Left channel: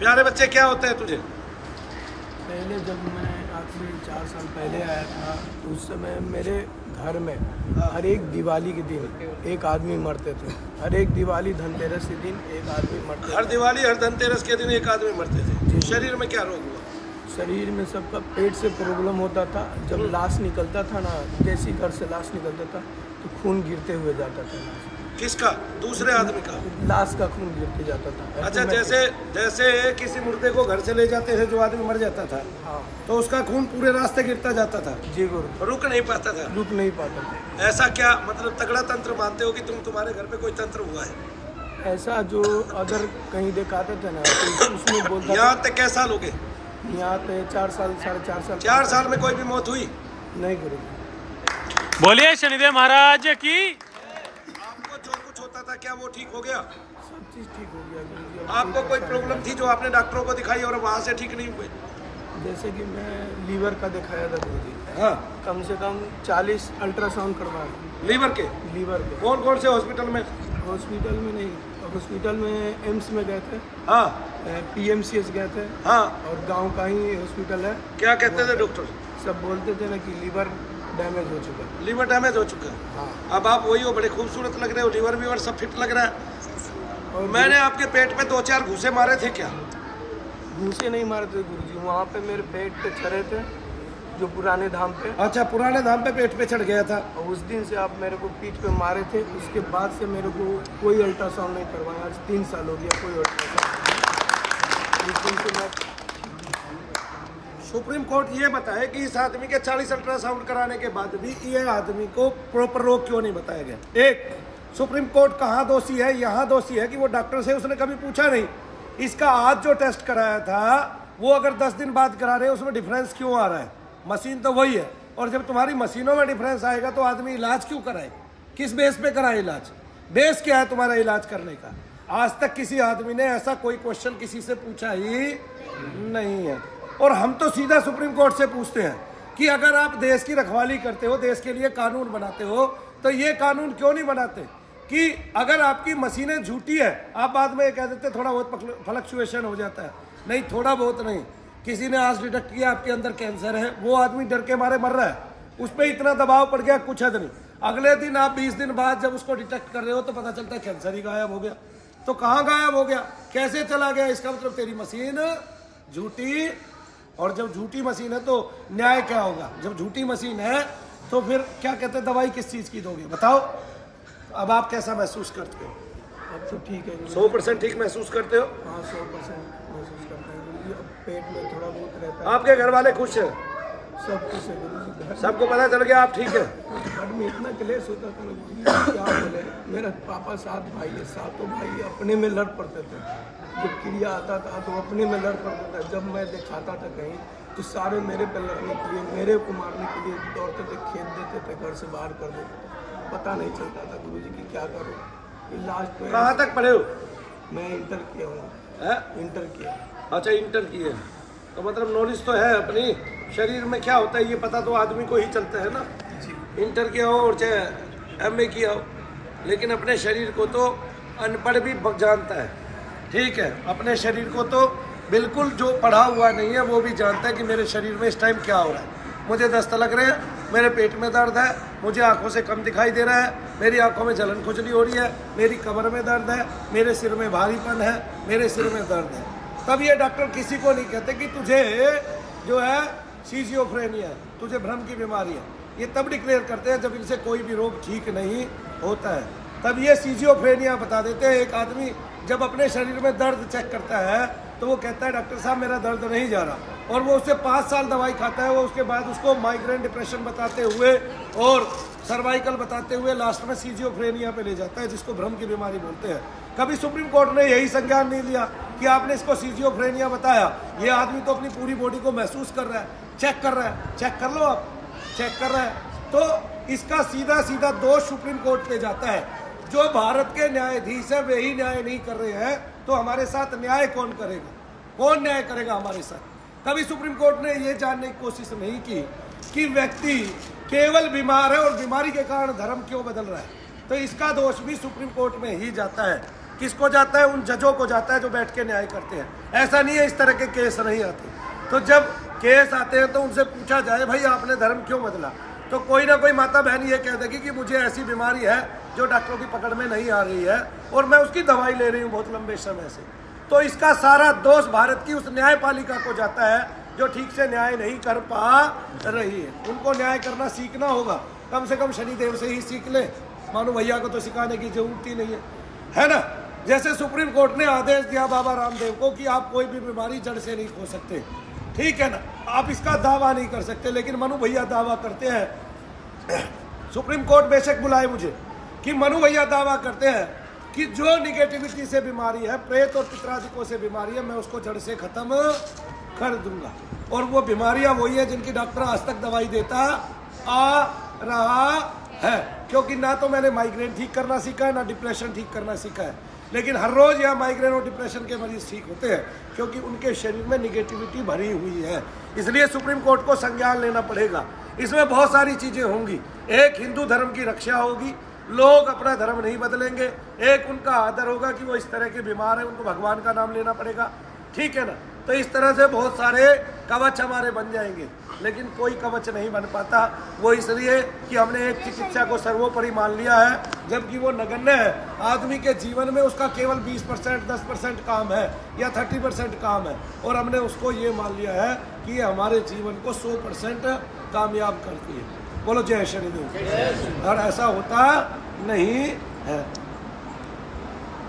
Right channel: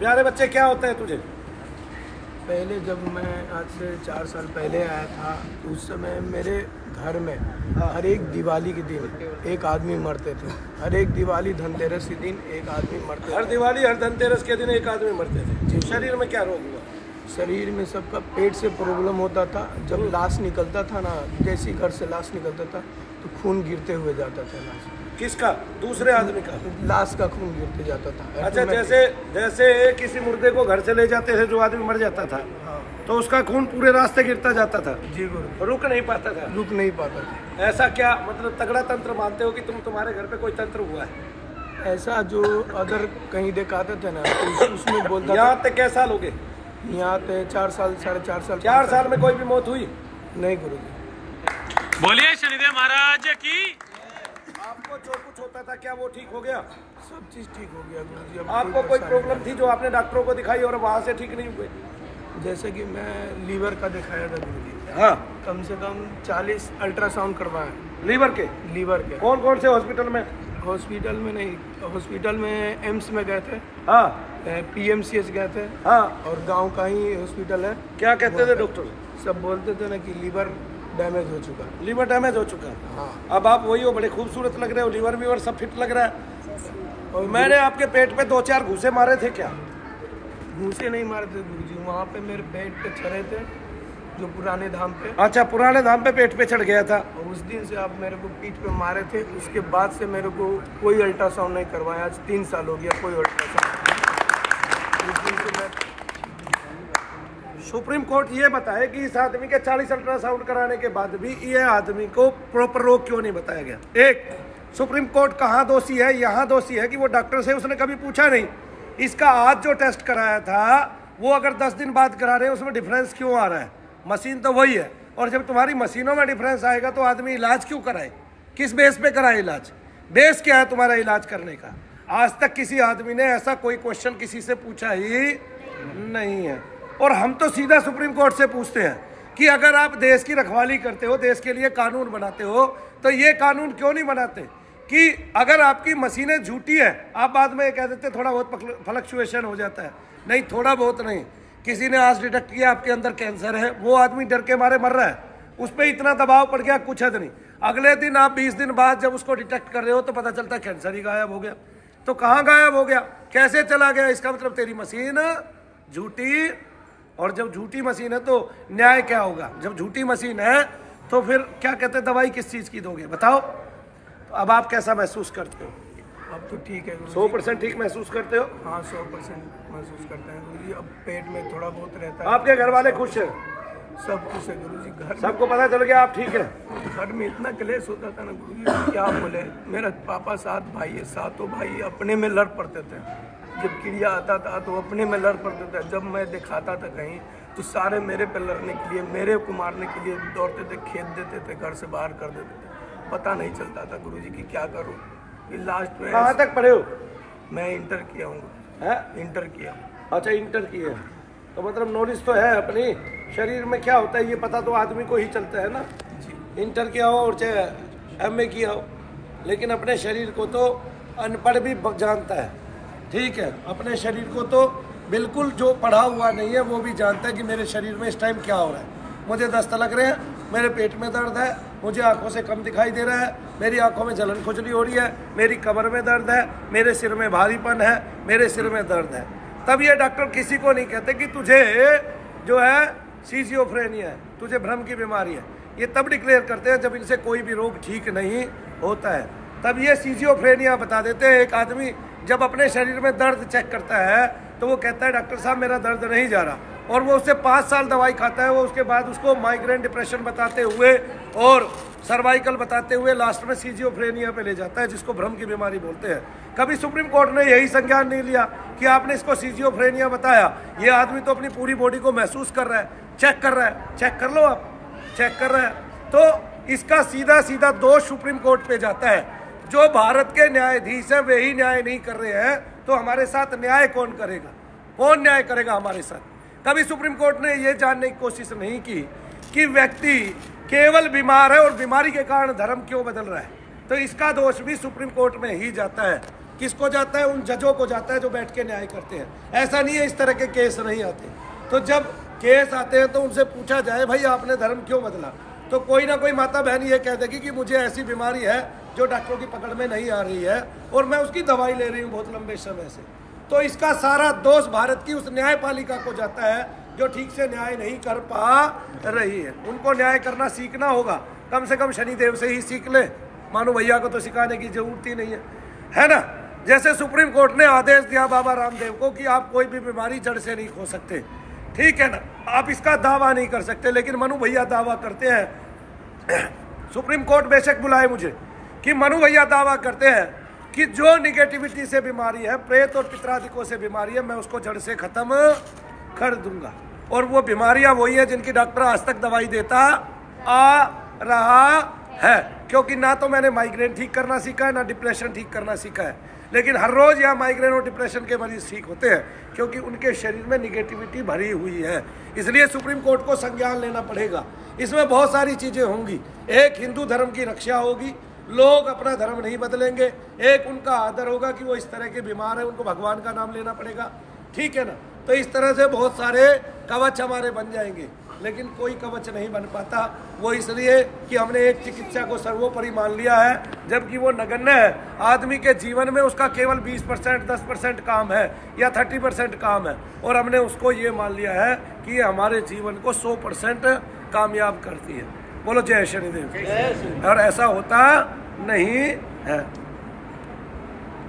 प्यारे बच्चे, क्या होता है तुझे? पहले जब मैं आज से 4 साल पहले आया था तो उस समय मेरे घर में हर एक दिवाली के दिन एक आदमी मरते थे। हर एक दिवाली धनतेरस के दिन एक आदमी मरते थे। हर दिवाली हर धनतेरस के दिन एक आदमी मरते थे। जी। शरीर में क्या रोग हुआ? शरीर में सबका पेट से प्रॉब्लम होता था। जब लाश निकलता था ना, जैसे घर से लाश निकलता था तो खून गिरते हुए जाता था। लाश किसका? दूसरे आदमी का? लाश का खून गिरते जाता था। अच्छा, जैसे किसी मुर्दे को घर से ले जाते थे, जो आदमी मर जाता था, हाँ। तो उसका खून पूरे रास्ते गिरता जाता था। जी गुरु। रुक नहीं पाता था। रुक नहीं पाता था। ऐसा क्या मतलब तगड़ा तंत्र मानते हो कि तुम्हारे घर पे कोई तंत्र हुआ है? ऐसा जो अदर कहीं दिखाते थे ना तो उसमें बोलता था। यहाँ तक कैसा लोग? यहाँ पे 4 साल 4.5 साल। 4 साल में कोई भी मौत हुई? नहीं गुरु। बोलिए शनिदेव महाराज की। आपको जो कुछ होता था क्या वो ठीक हो गया? सब चीज ठीक हो गया गुरु जी। आपको कोई प्रॉब्लम थी जो आपने डॉक्टरों को दिखाई और वहाँ से ठीक नहीं हुए? जैसे कि मैं लीवर का दिखाया था गुरु जी। हाँ। कम से कम 40 अल्ट्रासाउंड करवाए। लीवर के? कौन कौन से हॉस्पिटल में? हॉस्पिटल में नहीं, हॉस्पिटल में एम्स में गए थे। हाँ। PMCH गए थे। हाँ। और गांव का ही हॉस्पिटल है। क्या कहते थे डॉक्टर? सब बोलते थे ना कि लीवर डैमेज हो चुका। लीवर डैमेज हो चुका? हाँ। अब आप वही हो, बड़े खूबसूरत लग रहे हो, लीवर सब फिट लग रहा है। और मैंने आपके पेट पे 2-4 घूसे मारे थे क्या? घूसे नहीं मारे थे गुरु जी, वहाँ पे मेरे पेट पे चढ़े थे, जो पुराने धाम पे। अच्छा, पुराने धाम पे पेट पे चढ़ गया था। उस दिन से आप मेरे को पीठ पे मारे थे। उसके बाद से मेरे को कोई अल्ट्रासाउंड नहीं करवाया। आज 3 साल हो गया कोई अल्ट्रासाउंड। उस दिन से मैं सुप्रीम कोर्ट ये बताए कि इस आदमी के 40 अल्ट्रासाउंड कराने के बाद भी ये आदमी को प्रॉपर रोग क्यों नहीं बताया गया? एक, सुप्रीम कोर्ट कहाँ दोषी है? यहाँ दोषी है कि वो डॉक्टर से उसने कभी पूछा नहीं इसका आज जो टेस्ट कराया था वो अगर 10 दिन बाद करा रहे हैं उसमें डिफरेंस क्यों आ रहा है? मशीन तो वही है, और जब तुम्हारी मशीनों में डिफरेंस आएगा तो आदमी इलाज क्यों कराए? किस बेस पे कराए इलाज? बेस क्या है तुम्हारा इलाज करने का? आज तक किसी आदमी ने ऐसा कोई क्वेश्चन किसी से पूछा ही नहीं है। और हम तो सीधा सुप्रीम कोर्ट से पूछते हैं कि अगर आप देश की रखवाली करते हो, देश के लिए कानून बनाते हो, तो ये कानून क्यों नहीं बनाते कि अगर आपकी मशीनें झूठी है, आप बाद में ये कह देते थोड़ा बहुत फ्लक्चुएशन हो जाता है। नहीं, थोड़ा बहुत नहीं, किसी ने आज डिटेक्ट किया आपके अंदर कैंसर है, वो आदमी डर के मारे मर रहा है, उस पर इतना दबाव पड़ गया कुछ हद नहीं। अगले दिन आप 20 दिन बाद जब उसको डिटेक्ट कर रहे हो तो पता चलता है कैंसर ही गायब हो गया। तो कहाँ गायब हो गया, कैसे चला गया? इसका मतलब तेरी मशीन झूठी। और जब झूठी मशीन है तो न्याय क्या होगा? जब झूठी मशीन है तो फिर क्या कहते हैं, दवाई किस चीज की दोगे बताओ? अब आप कैसा महसूस करते हो? अब तो ठीक है 100% ठीक महसूस करते हो? हाँ 100% महसूस करते हैं गुरु जी। अब पेट में थोड़ा बहुत रहता है। आपके घर वाले खुश हैं? सब खुश है गुरु जी। घर सबको पता चल गया आप ठीक है? घर में इतना क्लेश होता था ना गुरु जी, क्या बोले। मेरा पापा 7 भाई है, 7 भाई अपने में लड़ पड़ते थे। जब क्रिया आता था तो अपने में लड़ पड़ता था। जब मैं दिखाता था कहीं तो सारे मेरे पे लड़ने के लिए, मेरे को मारने के लिए दौड़ते थे, खेत देते थे, घर से बाहर कर देते थे। पता नहीं चलता था गुरुजी कि क्या करूं। फिर लास्ट में कहाँ तक पढ़े हो? मैं इंटर किया हूँ। इंटर किया। अच्छा, इंटर किए, तो मतलब नॉलेज तो है अपनी। शरीर में क्या होता है ये पता तो आदमी को ही चलता है ना जी। इंटर किया हो और चाहे MA किया हो, लेकिन अपने शरीर को तो अनपढ़ भी जानता है। ठीक है, अपने शरीर को तो बिल्कुल जो पढ़ा हुआ नहीं है वो भी जानता है कि मेरे शरीर में इस टाइम क्या हो रहा है। मुझे दस्त लग रहे हैं, मेरे पेट में दर्द है, मुझे आंखों से कम दिखाई दे रहा है, मेरी आंखों में जलन खुजली हो रही है, मेरी कमर में दर्द है, मेरे सिर में भारीपन है, मेरे सिर में दर्द है। तब ये डॉक्टर किसी को नहीं कहते कि तुझे जो है सिजियोफ्रेनिया है, तुझे भ्रम की बीमारी है। ये तब डिक्लेयर करते हैं जब इनसे कोई भी रोग ठीक नहीं होता है, तब ये सिजियोफ्रेनिया बता देते हैं। एक आदमी जब अपने शरीर में दर्द चेक करता है तो वो कहता है डॉक्टर साहब मेरा दर्द नहीं जा रहा, और वो उससे 5 साल दवाई खाता है। वो उसके बाद उसको माइग्रेन डिप्रेशन बताते हुए और सर्वाइकल बताते हुए लास्ट में सिजियोफ्रेनिया पे ले जाता है, जिसको भ्रम की बीमारी बोलते हैं। कभी सुप्रीम कोर्ट ने यही संज्ञान नहीं लिया कि आपने इसको सिजियोफ्रेनिया बताया, ये आदमी तो अपनी पूरी बॉडी को महसूस कर रहा है, चेक कर रहा है, चेक कर लो आप, चेक कर रहा है। तो इसका सीधा सीधा दोष सुप्रीम कोर्ट पे जाता है। जो भारत के न्यायाधीश है वे ही न्याय नहीं कर रहे हैं, तो हमारे साथ न्याय कौन करेगा? कौन न्याय करेगा हमारे साथ? कभी सुप्रीम कोर्ट ने यह जानने की कोशिश नहीं की कि व्यक्ति केवल बीमार है और बीमारी के कारण धर्म क्यों बदल रहा है। तो इसका दोष भी सुप्रीम कोर्ट में ही जाता है किसको जाता है? उन जजों को जाता है जो बैठ के न्याय करते हैं। ऐसा नहीं है इस तरह के केस नहीं आते। तो जब केस आते हैं तो उनसे पूछा जाए भाई आपने धर्म क्यों बदला, तो कोई ना कोई माता बहन ये कह देगी कि मुझे ऐसी बीमारी है जो डॉक्टरों की पकड़ में नहीं आ रही है और मैं उसकी दवाई ले रही हूँ बहुत लंबे समय से। तो इसका सारा दोष भारत की उस न्यायपालिका को जाता है जो ठीक से न्याय नहीं कर पा रही है। उनको न्याय करना सीखना होगा, कम से कम शनिदेव से ही सीख ले, मानो भैया को तो सिखाने की जरूरत ही नहीं है ना। जैसे सुप्रीम कोर्ट ने आदेश दिया बाबा रामदेव को कि आप कोई भी बीमारी जड़ से नहीं खो सकते, ठीक है ना, आप इसका दावा नहीं कर सकते, लेकिन मनु भैया दावा करते हैं। सुप्रीम कोर्ट बेशक बुलाए मुझे कि मनु भैया दावा करते हैं कि जो निगेटिविटी से बीमारी है, प्रेत और पितरादिकों से बीमारी है, मैं उसको जड़ से खत्म कर दूंगा। और वो बीमारियां वही है जिनकी डॉक्टर आज तक दवाई देता आ रहा है, क्योंकि ना तो मैंने माइग्रेन ठीक करना सीखा है ना डिप्रेशन ठीक करना सीखा है, लेकिन हर रोज यहाँ माइग्रेन और डिप्रेशन के मरीज ठीक होते हैं क्योंकि उनके शरीर में निगेटिविटी भरी हुई है। इसलिए सुप्रीम कोर्ट को संज्ञान लेना पड़ेगा। इसमें बहुत सारी चीजें होंगी। एक, हिंदू धर्म की रक्षा होगी, लोग अपना धर्म नहीं बदलेंगे। एक, उनका आदर होगा कि वो इस तरह के बीमार है, उनको भगवान का नाम लेना पड़ेगा, ठीक है ना। तो इस तरह से बहुत सारे कवच हमारे बन जाएंगे, लेकिन कोई कवच नहीं बन पाता। वो इसलिए कि हमने एक चिकित्सा को सर्वोपरि मान लिया है, जबकि वो नगण्य है। आदमी के जीवन में उसका केवल 20%, 10% काम है या 30% काम है, और हमने उसको ये मान लिया है कि ये हमारे जीवन को 100% कामयाब करती है। बोलो जय शनिदेव। और ऐसा होता नहीं है।